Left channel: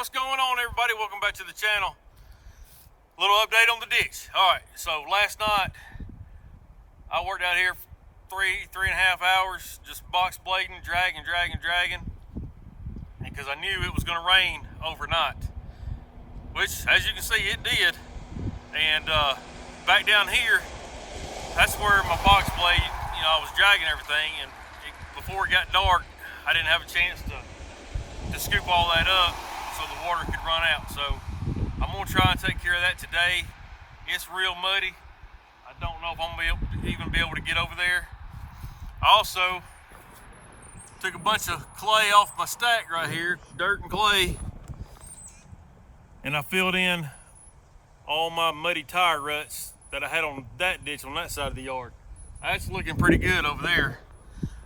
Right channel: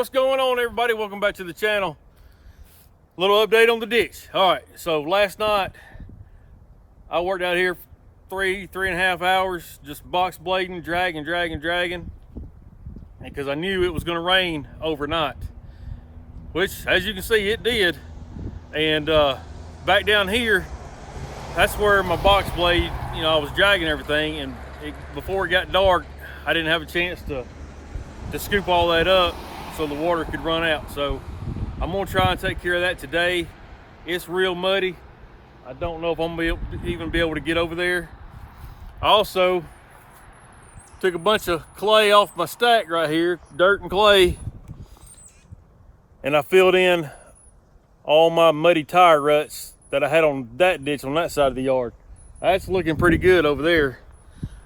What's going on, everybody? Welcome back to the channel. Little update on the ditch. All right, so last night I worked out here three and a half hours, just box blading, dragging, because I knew it was going to rain overnight, which, as you can see, it did. And back down here, that's where my box blade, I was dragging everything, and before it got dark, I didn't have a chance to scoop all that up so the water could run out. So I'm gonna try and take care of that today. It's real muddy. I don't know if I'm gonna even be able to get over there. I also took a bunch of clay off my stack right here, dirt and clay, and I filled in all my muddy tire ruts that I had on that ditch on that side of the yard. That's looking pretty good over there.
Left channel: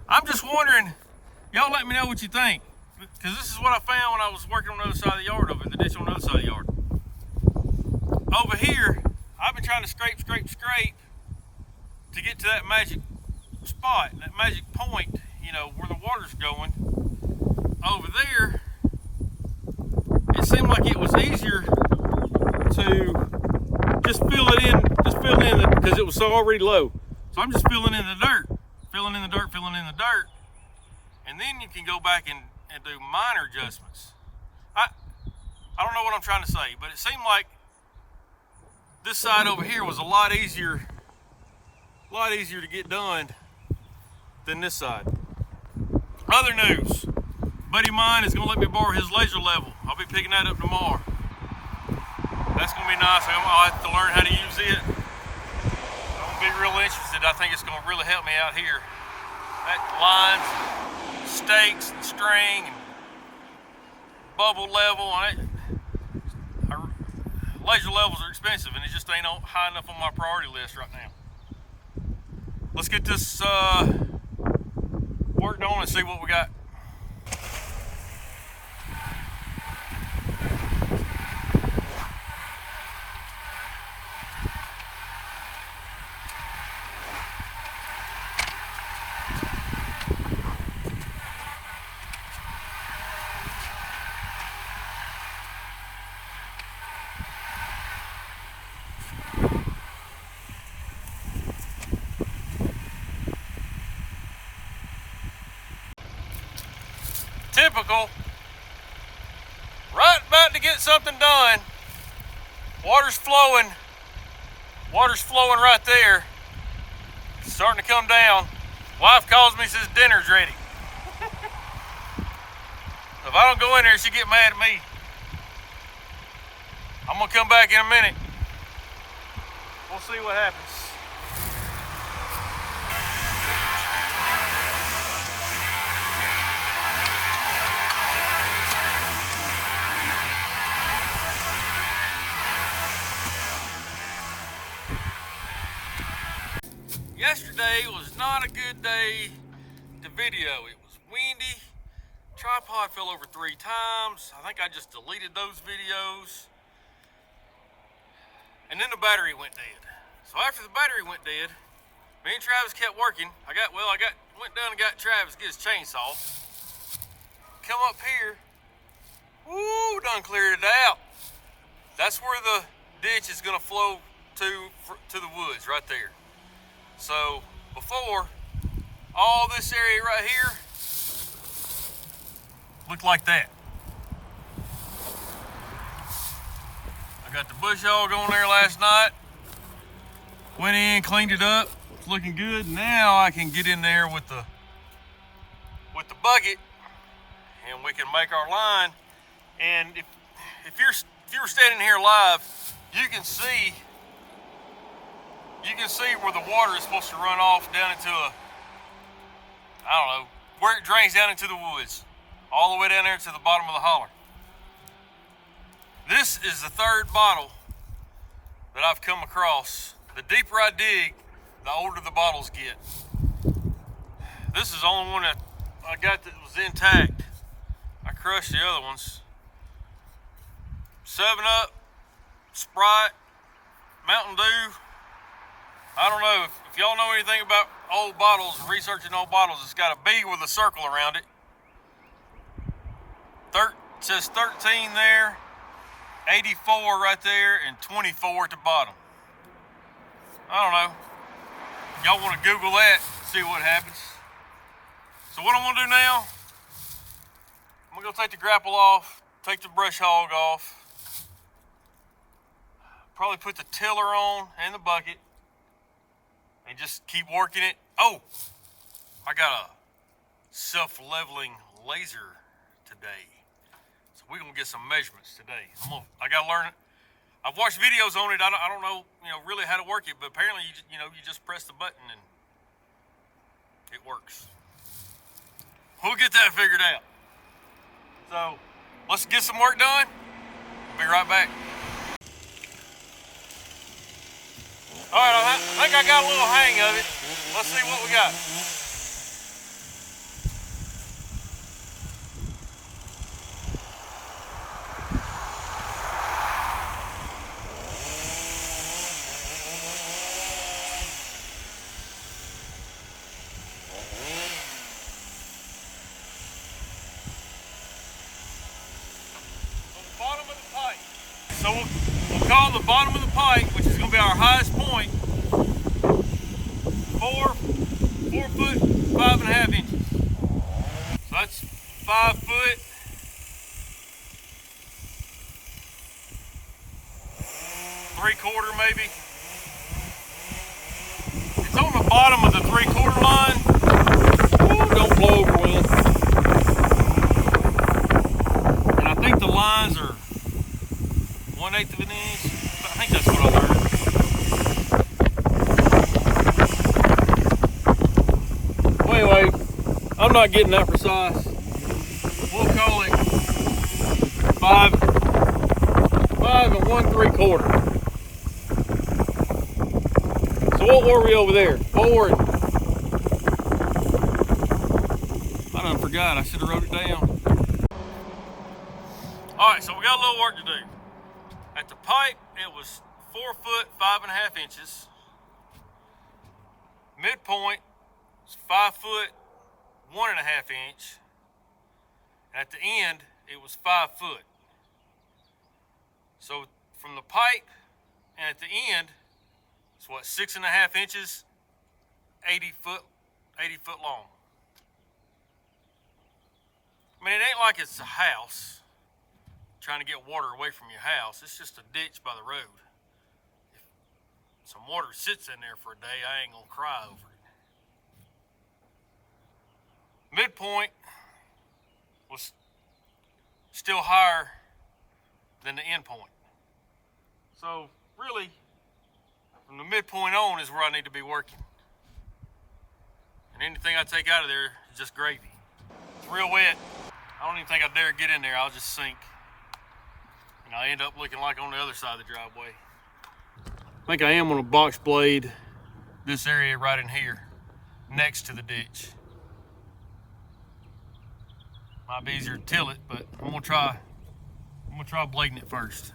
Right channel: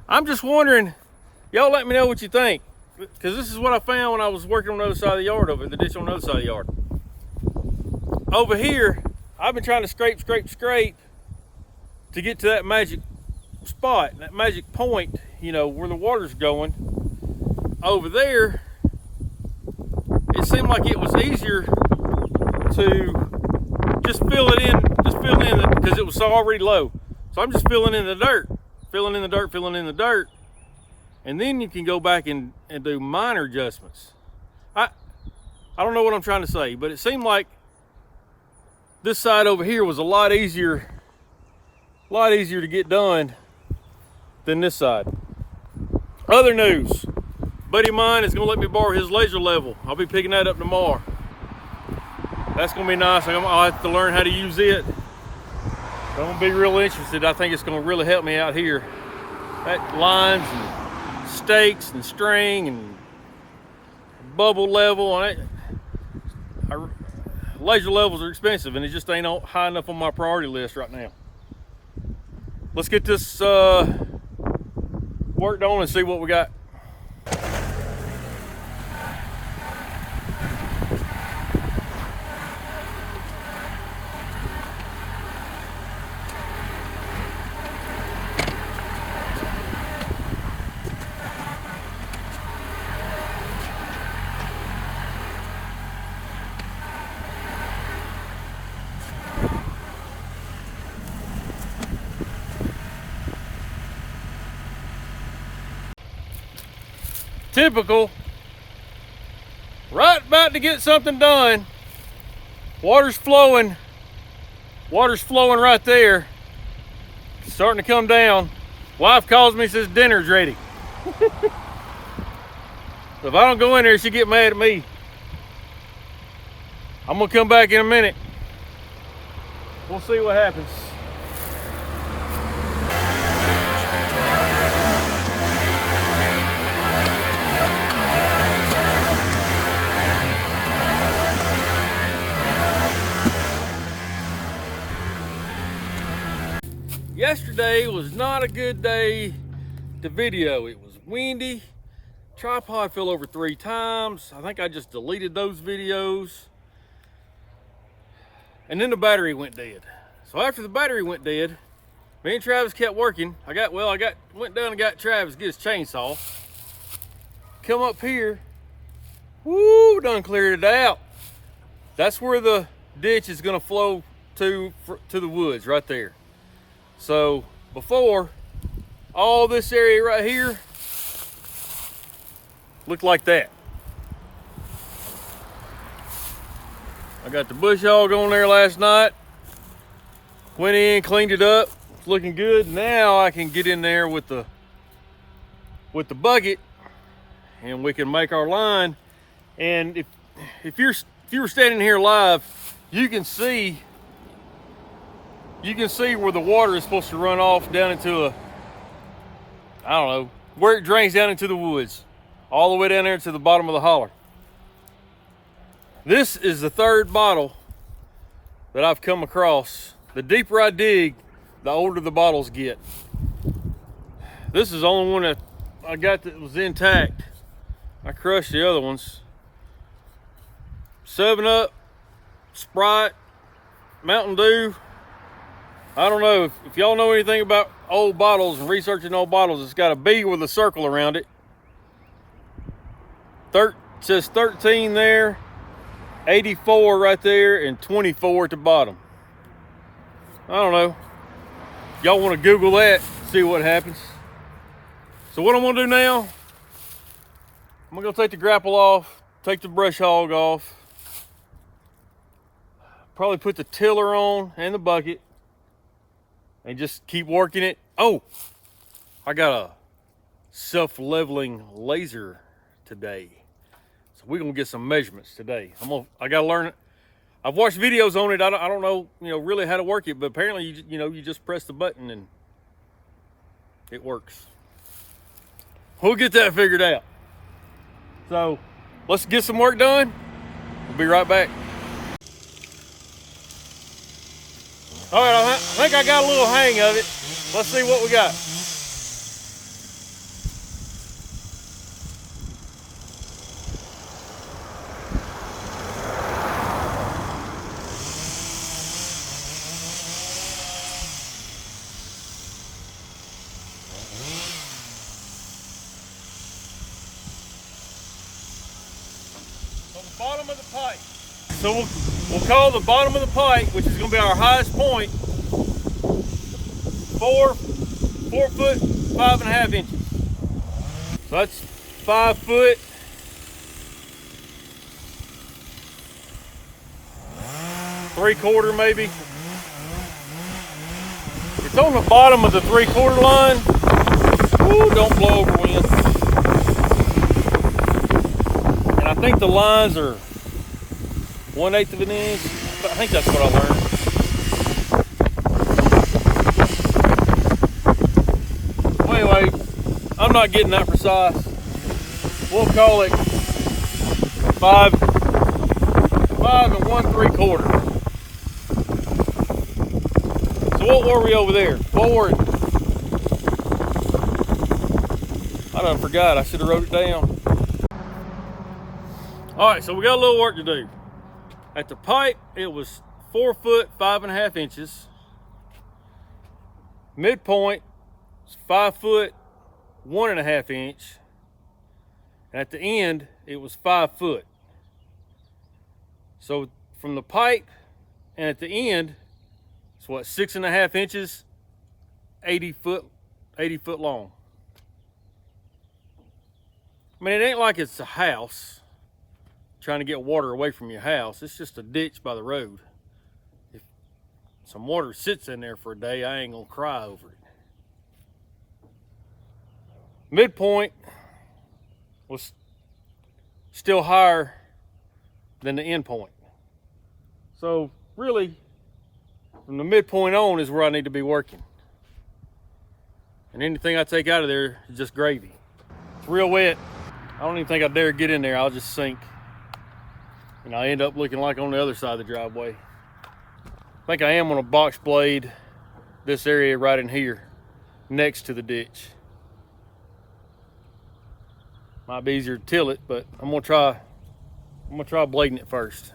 I'm just wondering, y'all let me know what you think, because this is what I found when I was working on the other side of the yard, over the ditch on the other side of the yard. Over here, I've been trying to scrape to get to that magic spot, that magic point, where the water's going. Over there, it seemed like it was easier to just fill it in, because it was already low. So I'm just filling in the dirt, and then you can go back and do minor adjustments. I don't know what I'm trying to say, but it seemed like this side over here was a lot easier to get done than this side. Other news, buddy of mine is gonna let me borrow his laser level. I'll be picking that up tomorrow. That's gonna be nice. I'll have to learn how to use it. I'm gonna be real interested. I think it's gonna really help me out here. That lines and stakes and string and bubble level. Laser levels are expensive, and it just ain't high enough on my priority list right now. Let's get this worked on and see what we got. Typical, right about to get something done. Water's flowing right there. It's starting to come down. Wife calls me, says dinner's ready. If I don't go in there, she'll get mad at me. I'm gonna come back in a minute. We'll see what happens. Yesterday was not a good day to video. It was windy. Tripod fell over 3 times. I think I just deleted those videos. And then the battery went dead. So after the battery went dead, me and Travis kept working. Went down and got Travis to get his chainsaw. Come up here. Woo, done cleared it out. That's where the ditch is gonna flow to the woods right there. So before, all this area right here looked like that. I got the bush hog on there last night. Went in, cleaned it up. It's looking good. Now I can get in there with the bucket, and we can make our line. And if you were standing here live, you can see where the water is supposed to run off down into where it drains down into the woods, all the way down there to the bottom of the holler. This is the 3rd bottle that I've come across. The deeper I dig, the older the bottles get. This is the only one that I got that was intact. I crushed the other ones. 7-Up, Sprite, Mountain Dew. I don't know if y'all know anything about old bottles and researching old bottles. It's got a B with a circle around it. It says 13 there, 84 right there, and 24 at the bottom. I don't know. Y'all want to Google that, see what happens. So what I'm gonna do now, I'm gonna go take the grapple off, take the brush hog off, probably put the tiller on and the bucket, and just keep working it. Oh, I got a self-leveling laser today. So we're gonna get some measurements today. I gotta learn it. I've watched videos on it. I don't know, really how to work it, but apparently you just press the button and it works. We'll get that figured out. So let's get some work done. We'll be right back. All right, I think I got a little hang of it. Let's see what we got. Bottom of the pipe. So we'll call the bottom of the pipe, which is going to be our highest point, 4 foot 5.5 inches. So that's 5 foot. 3/4 maybe. It's on the bottom of the 3/4 line. Ooh, don't blow over wind. I think the lines are 1/8 of an inch. I think that's what I learned. Anyway, I'm not getting that precise. We'll call it 5 and 1/3. So what were we over there? 4. I done forgot. I should have wrote it down. All right, so we got a little work to do. At the pipe, it was 4 foot 5.5 inches. Midpoint is 5 foot 1.5 inch. And at the end, it was 5 foot. So from the pipe and at the end, it's what, 6.5 inches, 80 foot long. I mean, it ain't like it's a house trying to get water away from your house. It's just a ditch by the road. If some water sits in there for a day, I ain't gonna cry over it. Midpoint was still higher than the end point. So really, from the midpoint on is where I need to be working. And anything I take out of there is just gravy. It's real wet. I don't even think I dare get in there. I'll just sink. And I end up looking like on the other side of the driveway. I think I am on a box blade this area right in here, next to the ditch. Might be easier to till it, but I'm gonna try blading it first.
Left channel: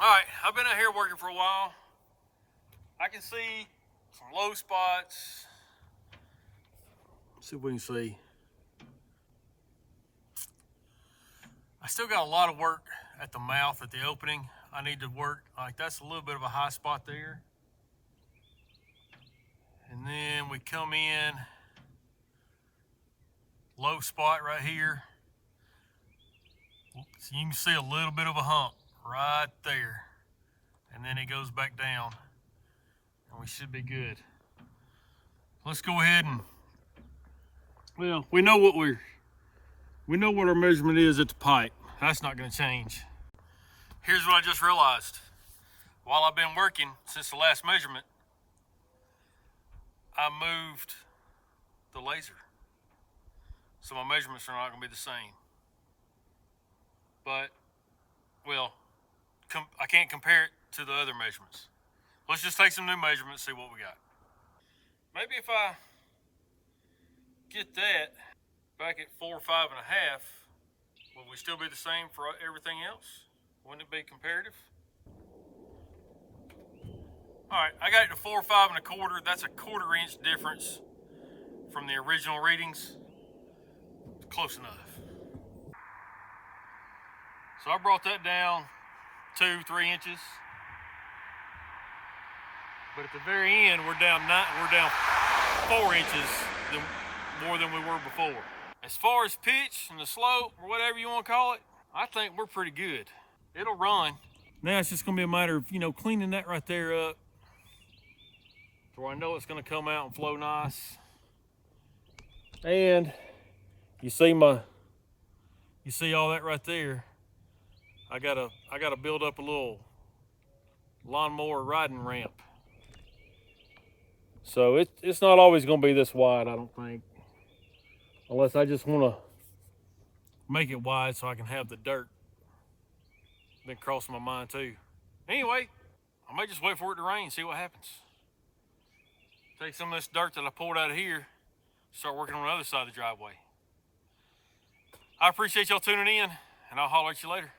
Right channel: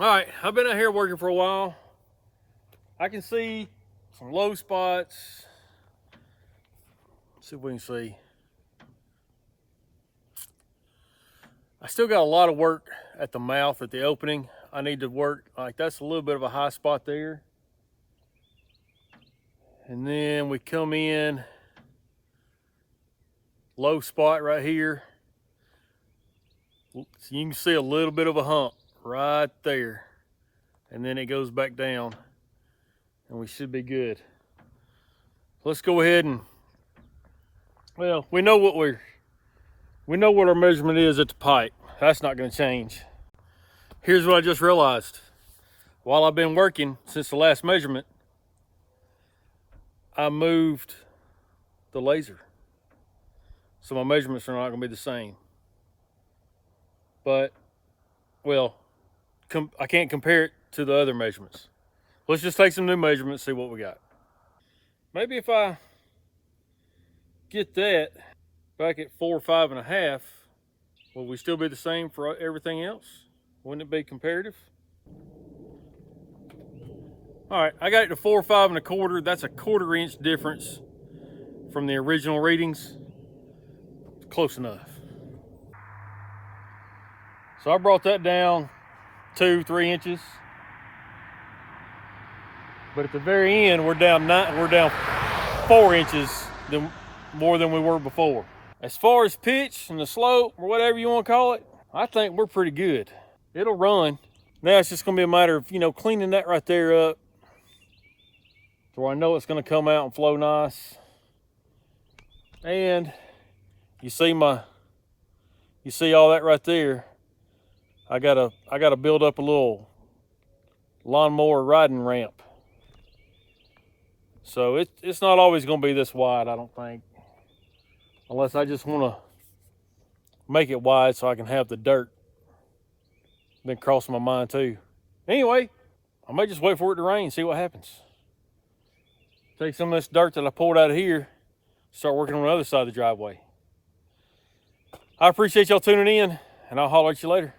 All right, I've been out here working for a while. I can see some low spots. Let's see if we can see. I still got a lot of work at the mouth, at the opening. I need to work, like that's a little bit of a high spot there. And then we come in, low spot right here. So you can see a little bit of a hump right there, and then it goes back down, and we should be good. Let's go ahead and, well, we know what our measurement is at the pipe. That's not going to change. Here's what I just realized. while I've been working since the last measurement, I moved the laser. So my measurements are not going to be the same. But, well, I can't compare it to the other measurements. Let's just take some new measurements, see what we got. Maybe if I get that back at 4 or 5.5, will we still be the same for everything else? Wouldn't it be comparative? All right, I got it to 4 or 5.25. That's a 1/4 inch difference from the original readings. It's close enough. So I brought that down 2-3 inches. But at the very end, we're down 4 inches more than we were before. As far as pitch and the slope, or whatever you want to call it, I think we're pretty good. It'll run. Now it's just going to be a matter of, cleaning that right there up to where I know it's going to come out and flow nice. And you see all that right there. I gotta build up a little lawnmower riding ramp. So it's not always going to be this wide, I don't think. Unless I just want to make it wide so I can have the dirt. Been crossing my mind too. Anyway, I may just wait for it to rain, see what happens. Take some of this dirt that I pulled out of here, start working on the other side of the driveway. I appreciate y'all tuning in, and I'll holler at you later.